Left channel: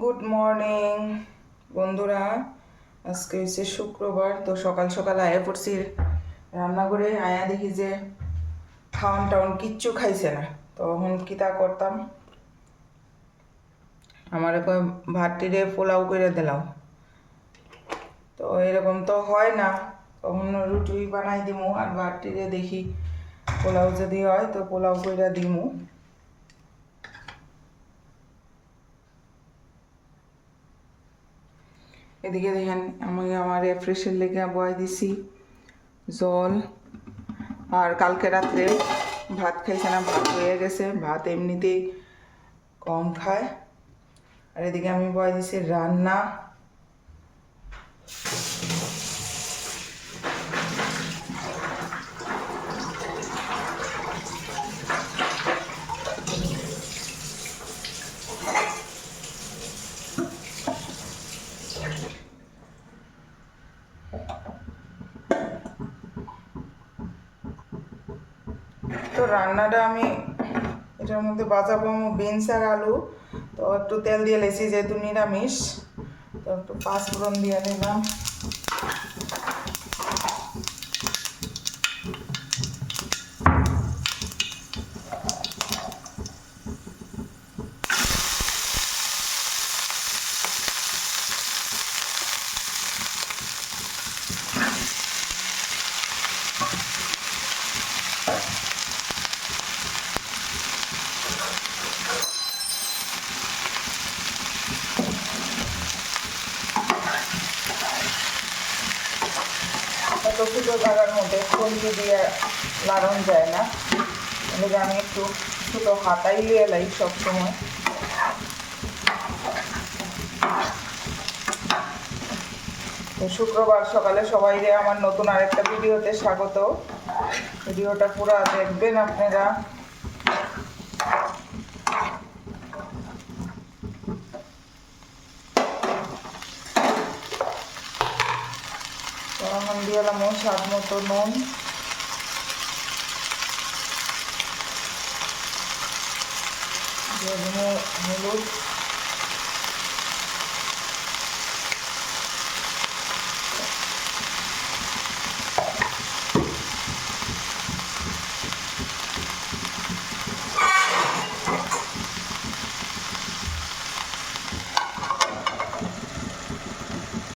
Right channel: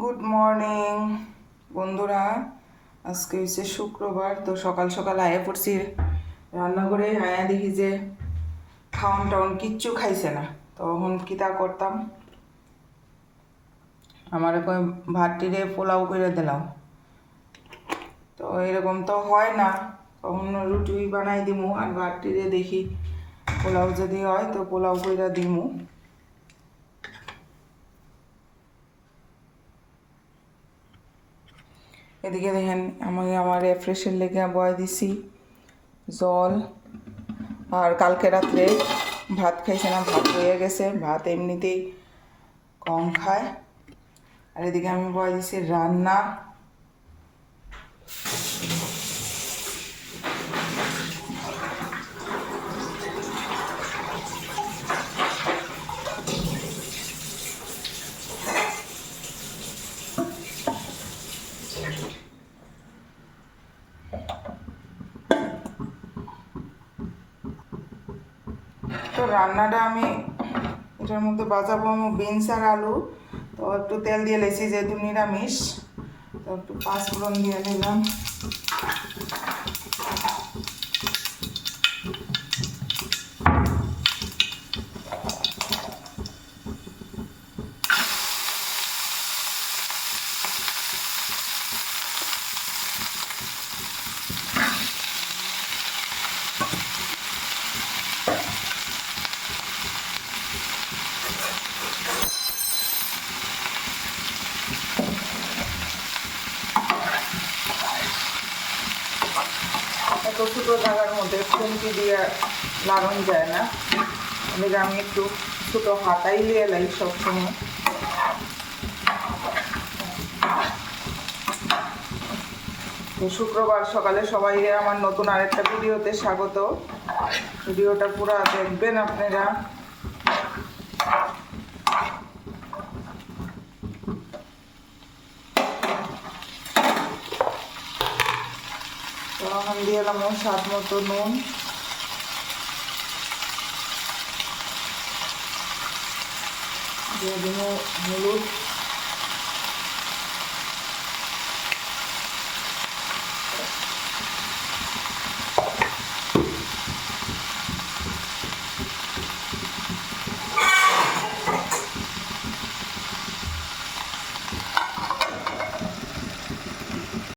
Good morning বন্ধুরা। আজকে হচ্ছে শুক্রবার, তো সকাল সকাল আয়া পড়ছি রান্না করে। আয়া দেখি যে খাওয়ান টাউন কিচ্ছু খাইছে না, তখন কিতা করতাম, আমার ভাতটিরে পোলাও করে দিলাম। তো এরকম তো হয় না, তখন রুটি বানাই দিমু আর ভাতটিরে দেখি পোলাও যদি হয় তো পোলাও করে দিমু। এদিকে দেখেন আমি আমার রেফ্রেশের লেগে বয় দিছি জল, আর কালকে রাত্রে ভাত খাইছে না, ভাত হয়ে গেছে, ভাত এমনিতেই কম খায়। আর এদিকে আমি বয় দিছি রান্না। তো রান্নাটা আমি এটার মধ্যে বাজাবো বিনস আর আলু। তো একটু তেল দিয়ে লেছি, যেহেতু নিরামিষ, তো একটু পাঁচফোড়ন দিয়ে নিলাম। এত ছোটো জায়গার মধ্যে খুন্তি দিয়ে লাগানো যায় না, এদিকে আমি একটু ছোটো হাতাই এলাই সবসময়। তো শুক্রবার সকালে সবাই আমার নতুন আরেকটা ভিডিওতে স্বাগত। ভিডিওটা পুরো দেখবেন আপনারা। এখন দিয়ে এলাম স্বাদ মতো নুন, দিয়ে দিব হলুদ,